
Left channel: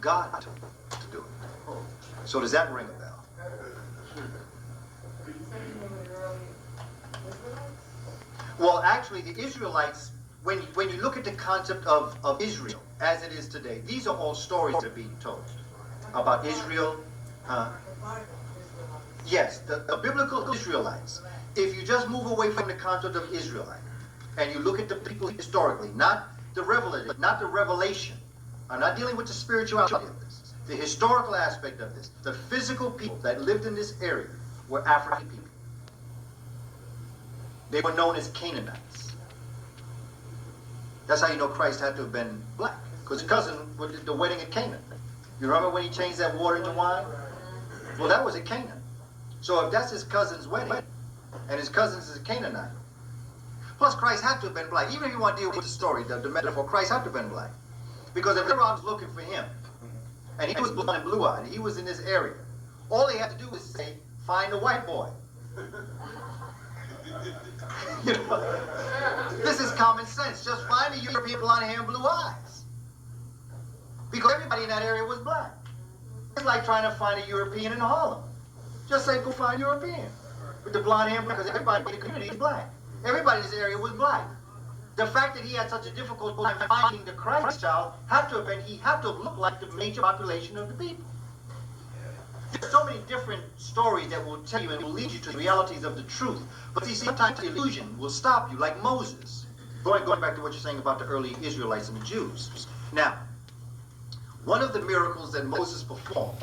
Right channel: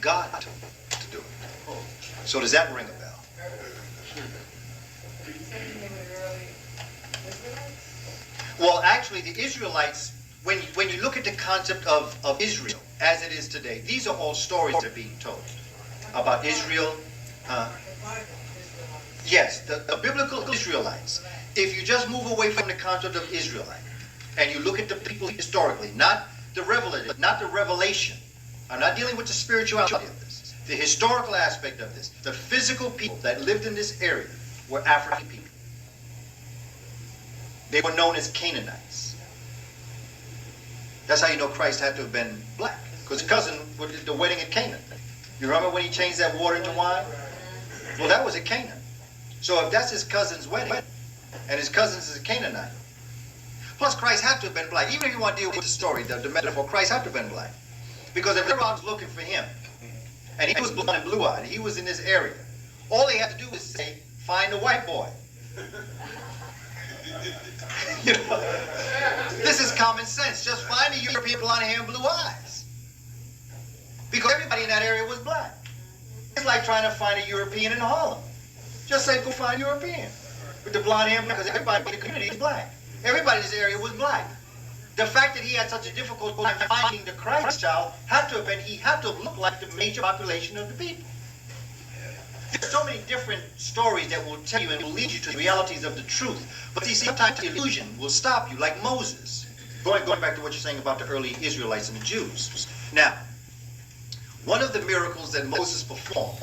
God told them to do it. So does that ring a bell? Well, actually, the Israelites, when you look at the concept of Israel as it is today, these are all stories that are being told about Israel. Yes, the biblical Israelites. If you just move away from the concept of Israelite and you look at the people historically, not the revelation. I'm not dealing with the spirituality of this. The historical aspect of this. The physical people that lived in this area were African people. They were known as Canaanites. That's how you know Christ had to have been black, because his cousin was at the wedding at Canaan. You remember when he changed that water into wine? Well, that was at Canaan. So if that's his cousin's wedding, and his cousin is a Canaanite, plus Christ had to have been black. Even if you want to deal with the story, the metaphor, Christ had to have been black. Because if everyone was looking for him, and he was blonde and blue-eyed, and he was in this area, all they had to do was say, find a white boy. You know, this is common sense. Just find a European blonde hair and blue eyes. Because everybody in that area was black. It's like trying to find a European in Harlem. Just say go find a European with the blonde hair, because everybody in the community is black. Everybody in this area was black. The fact that he had such a difficult time finding the Christ child had to have been, he had to have looked like the major population of the people. There's so many different stories that will tell you and will lead you to the realities of the truth. But see, sometimes the illusion will stop you, like Moses. Going back to what you're saying about the early Israelites and the Jews. Now, one of the miracles that Moses performed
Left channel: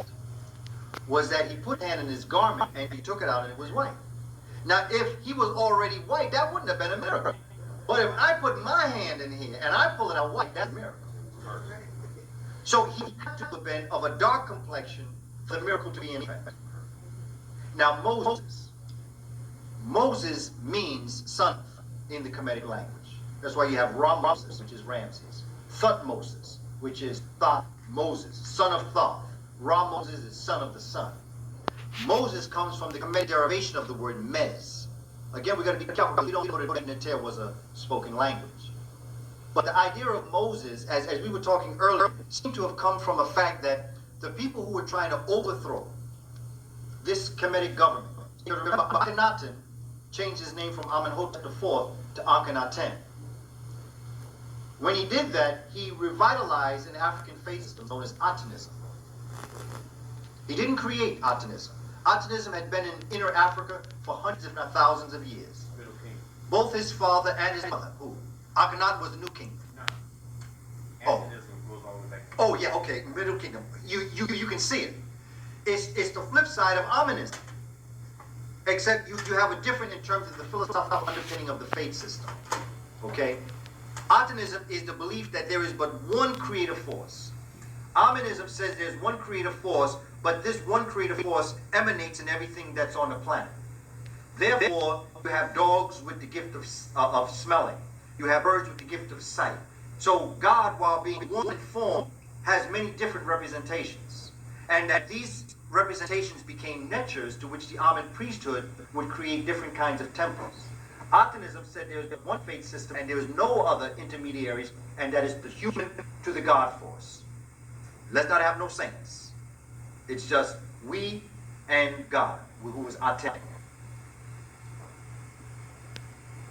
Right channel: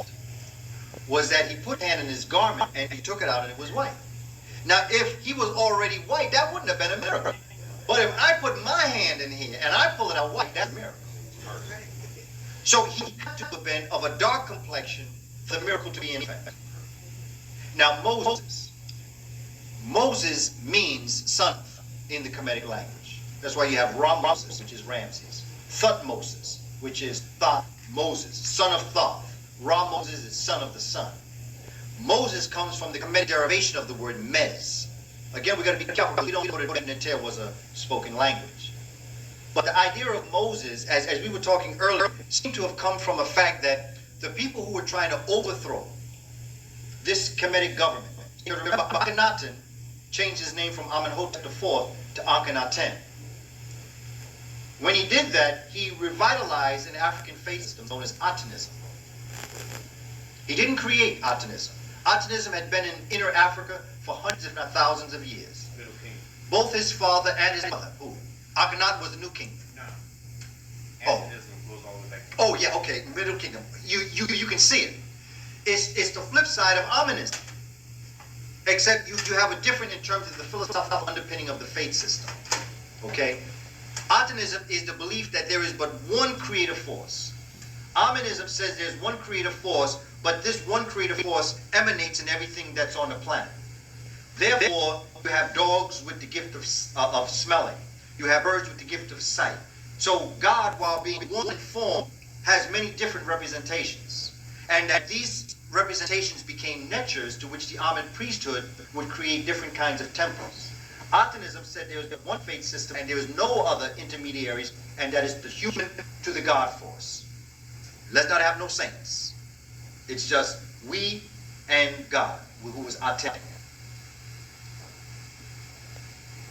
was that he put hand in his garment and he took it out and it was white. Now, if he was already white, that wouldn't have been a miracle. But if I put my hand in here and I pull it out white, that's a miracle. So he had to have been of a dark complexion for the miracle to be in effect. Now, Moses means son in the Kemetic language. That's why you have Moses, which is Ramses. Thutmoses, which is Thoth Moses, son of Thoth. Moses is son of the sun. Moses comes from the Kemetic derivation of the word Mez. Again, we've got to be careful because we don't know that Pt.3 was a spoken language. But the idea of Moses, as we were talking earlier, seemed to have come from a fact that the people who were trying to overthrow this Kemetic government, you remember Akhenaten changed his name from Amenhotep IV to Akhenaten. When he did that, he revitalized an African faith system known as Atonism. He didn't create Atonism. Atonism had been in inner Africa for hundreds, if not thousands of years. Middle Kingdom. Both his father and his mother. Who? Akhenaten was the New Kingdom. No. Oh. Atonism goes all the way back. Oh yeah, okay. Middle Kingdom. You can see it. It's the flip side of Amenism. Except you have a different in terms of the philosophical underpinning of the faith system. Okay? Atonism is the belief that there is but one creative force. Amenism says there's one creative force, but this one creative force emanates in everything that's on the planet. Therefore, you have dogs with the gift of smelling. You have birds with the gift of sight. So God, while being one in form, has many different representations. And that these representations became netures to which the Amen priesthood would create different kinds of temples. Atonism said there is but one faith system and there is no other intermediaries, and that is the human to the God force. Let's not have no saints. It's just we and God, who is Aten.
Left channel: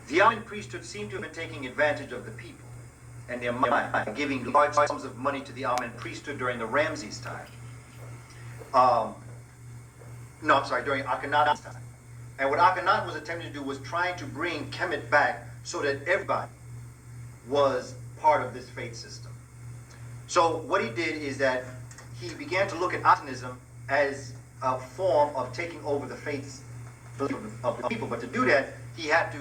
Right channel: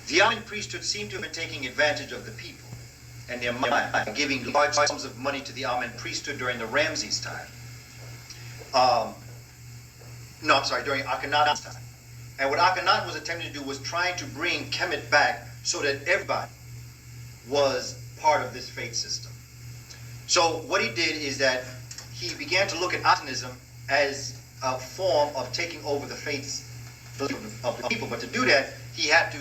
The Amen priesthood seemed to have been taking advantage of the people and their mind by giving large sums of money to the Amen priesthood during the Ramses time. During Akhenaten's time. And what Akhenaten was attempting to do was trying to bring Kemet back so that everybody was part of this faith system. So what he did is that he began to look at Atonism as a form of taking over the faiths of the people. But to do that, he had to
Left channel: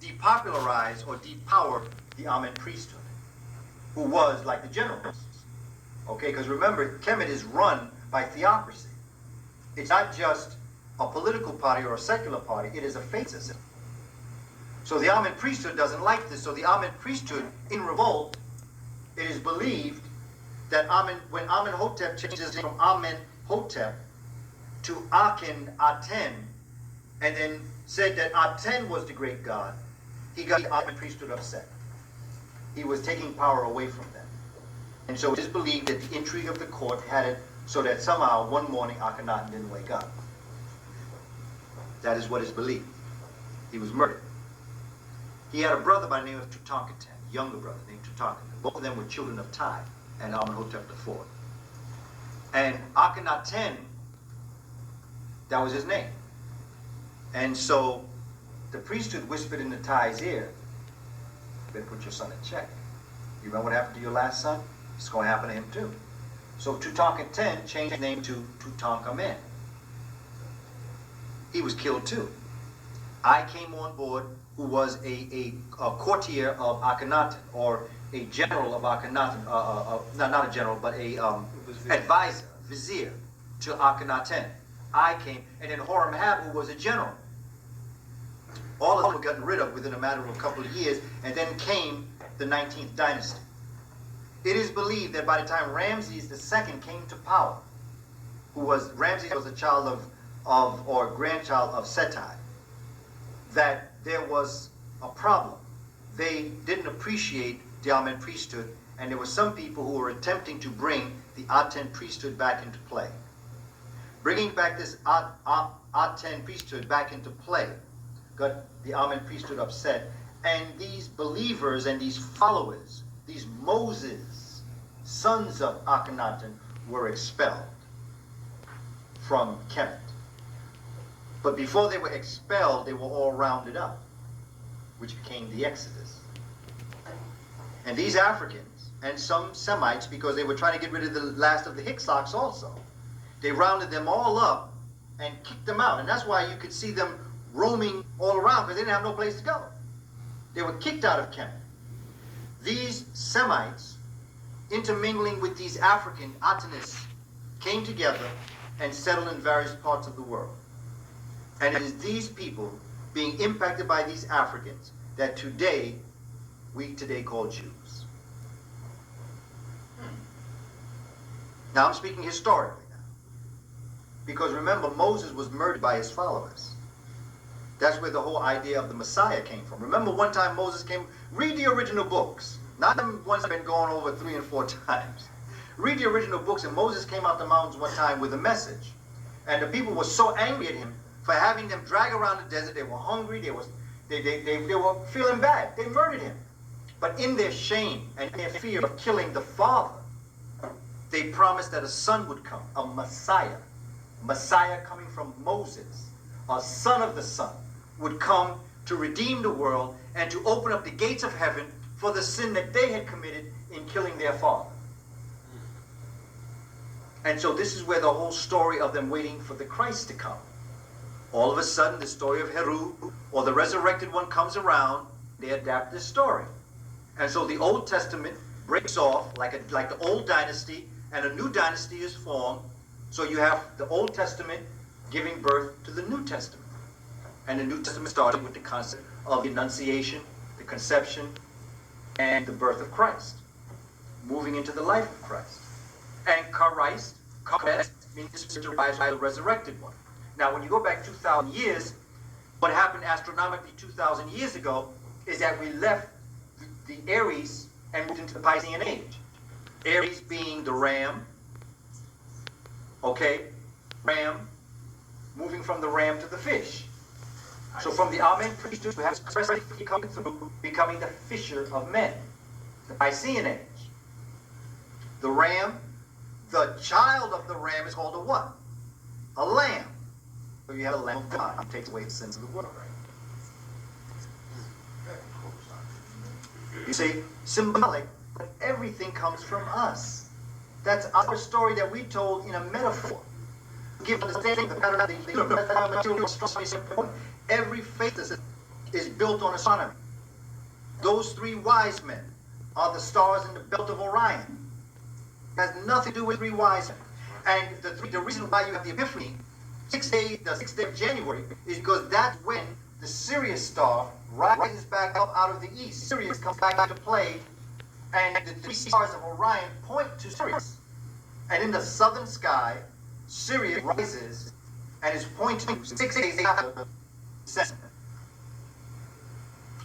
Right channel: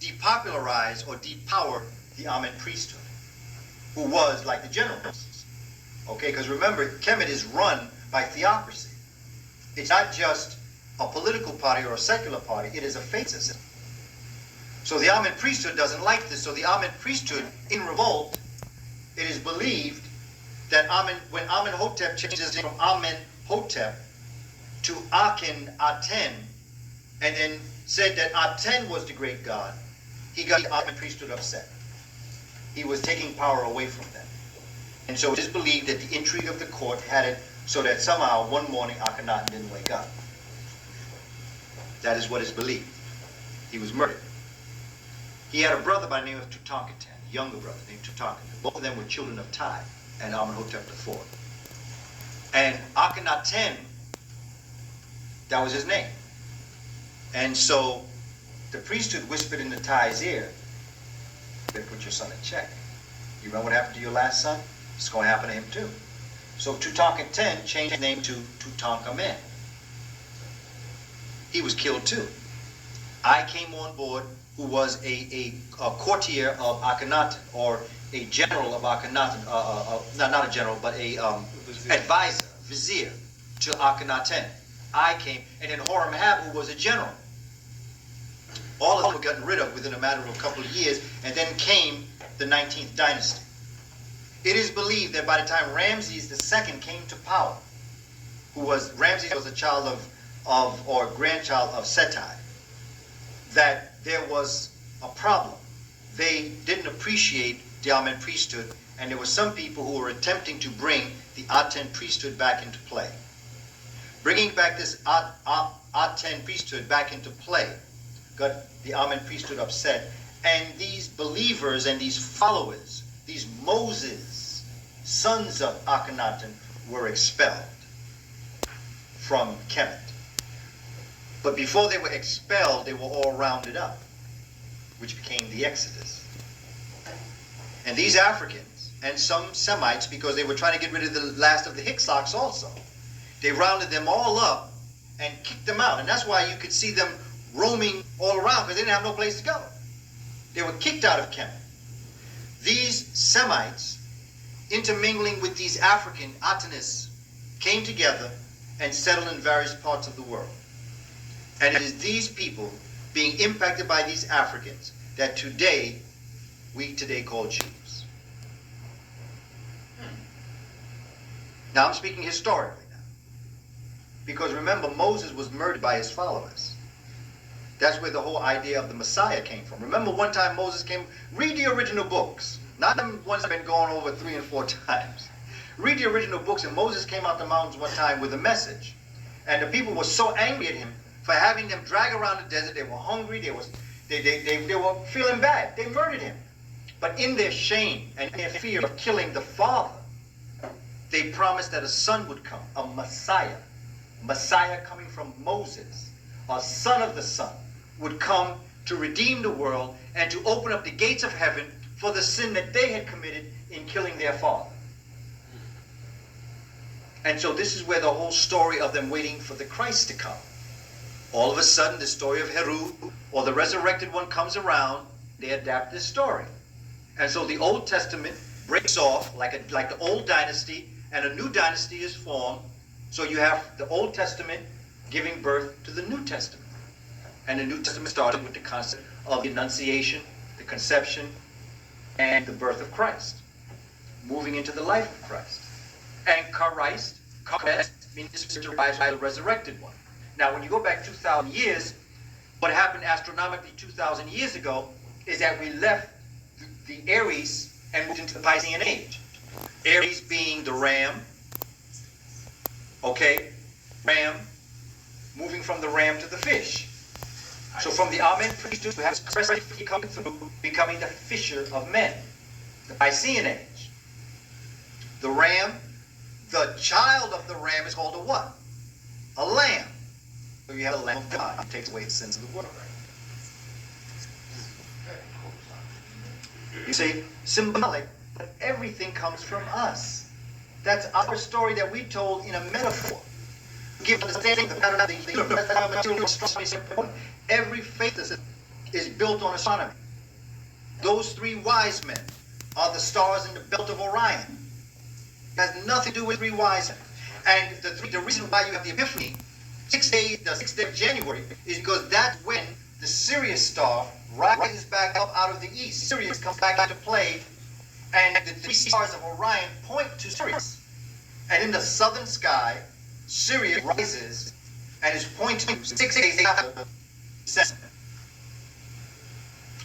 depopularize or depower the Amen priesthood, who was like the generals. Okay, because remember, Kemet is run by theocracy. It's not just a political party or a secular party, it is a faith system. So the Amen priesthood doesn't like this. So the Amen priesthood, in revolt, it is believed that when Amenhotep changed his name from Amenhotep to Akhenaten, and then said that Aten was the great god, he got the Amen priesthood upset. He was taking power away from them. And so it is believed that the intrigue of the court had it so that somehow one morning Akhenaten didn't wake up. That is what is believed. He was murdered. He had a brother by the name of Tutankhaten, a younger brother named Tutankhaten. Both of them were children of Tai and Amenhotep IV. And Akhenaten, that was his name. And so the priesthood whispered into Tai's ear, "You better put your son in check. You remember what happened to your last son? It's going to happen to him too." So Tutankhaten changed his name to Tutankhamen. He was killed too. I came on board, who was a courtier of Akhenaten, or a general of Akhenaten, not a general, but a advisor, vizier to Akhenaten. I came, and then Horemheb, who was a general. All of them were gotten rid of within a matter of a couple of years, and then came the 19th dynasty. It is believed that by the time Ramses II came to power, Ramses was a child or grandchild of Setai, that there was a problem. They didn't appreciate the Amen priesthood, and there were some people who were attempting to bring the Aten priesthood back into play. bringing back this Aten priesthood back into play, got the Amen priesthood upset, and these believers and these followers, these Moses, sons of Akhenaten, were expelled from Kemet. But before they were expelled, they were all rounded up, which became the Exodus. And these Africans, and some Semites, because they were trying to get rid of the last of the Hyksoks also, they rounded them all up and kicked them out. And that's why you could see them roaming all around, because they didn't have no place to go. They were kicked out of Kemet. These Semites, intermingling with these African Atenists, came together and settled in various parts of the world. And it is these people being impacted by these Africans that today, we today call Jews. Now I'm speaking historically now. Because remember, Moses was murdered by his followers. That's where the whole idea of the Messiah came from. Remember one time Moses came, read the original books, not the ones that have been gone over 3 and 4 times. Read the original books, and Moses came out the mountains one time with a message. And the people were so angry at him for having them drag around the desert. They were hungry, they were feeling bad. They murdered him. But in their shame and their fear of killing the father, they promised that a son would come, a Messiah. Messiah coming from Moses, a son of the Son, would come to redeem the world and to open up the gates of heaven for the sin that they had committed in killing their father. And so this is where the whole story of them waiting for the Christ to come. All of a sudden, the story of Heru, or the resurrected one, comes around. They adapt this story. And so the Old Testament breaks off like the old dynasty, and a new dynasty is formed. So you have the Old Testament giving birth to the New Testament. And the New Testament started with the concept of the Annunciation, the conception, and the birth of Christ, moving into the life of Christ. And Christ means to rise by the resurrected one. Now, when you go back 2,000 years, what happened astronomically 2,000 years ago is that we left the Aries and moved into the Piscean age. Aries being the ram, okay? Ram, moving from the ram to the fish. So from the Amen priesthood, we have expressly coming through, becoming the fisher of men, the Piscean age. The ram, the child of the ram is called a what? A lamb. So you have a lamb of God who takes away the sins of the world. You see, symbolic, but everything comes from us. That's our story that we told in a metaphor. Give understanding every faith is built on astronomy. Those 3 wise men are the stars in the belt of Orion. It has nothing to do with 3 wise men. And the reason why you have the Epiphany, the 6th day of January, is because that's when the Sirius star rises back up out of the east. Sirius comes back into play, and the 3 stars of Orion point to Sirius. And in the southern sky, Sirius rises and is pointing 6 days after the sun.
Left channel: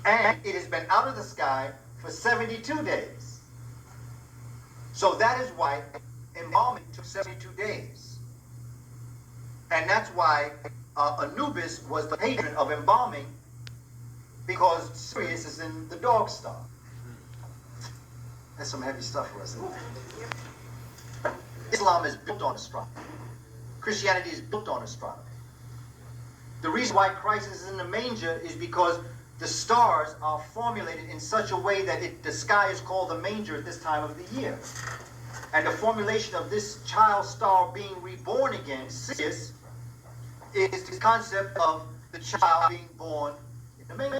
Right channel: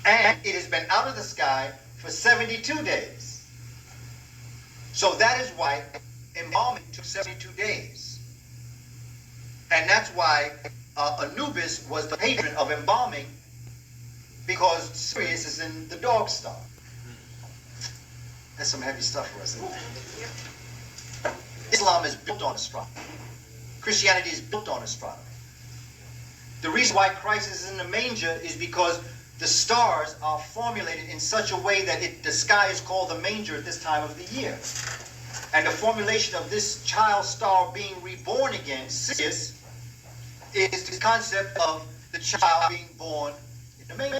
And it has been out of the sky for 72 days. So that is why embalming took 72 days. And that's why Anubis was the patron of embalming, because Sirius is in the dog star. That's some heavy stuff for us. Islam is built on astronomy. Christianity is built on astronomy. The reason why Christ is in the manger is because the stars are formulated in such a way that the sky is called the manger at this time of the year. And the formulation of this child star being reborn again, Sirius, is the concept of the child being born in the manger.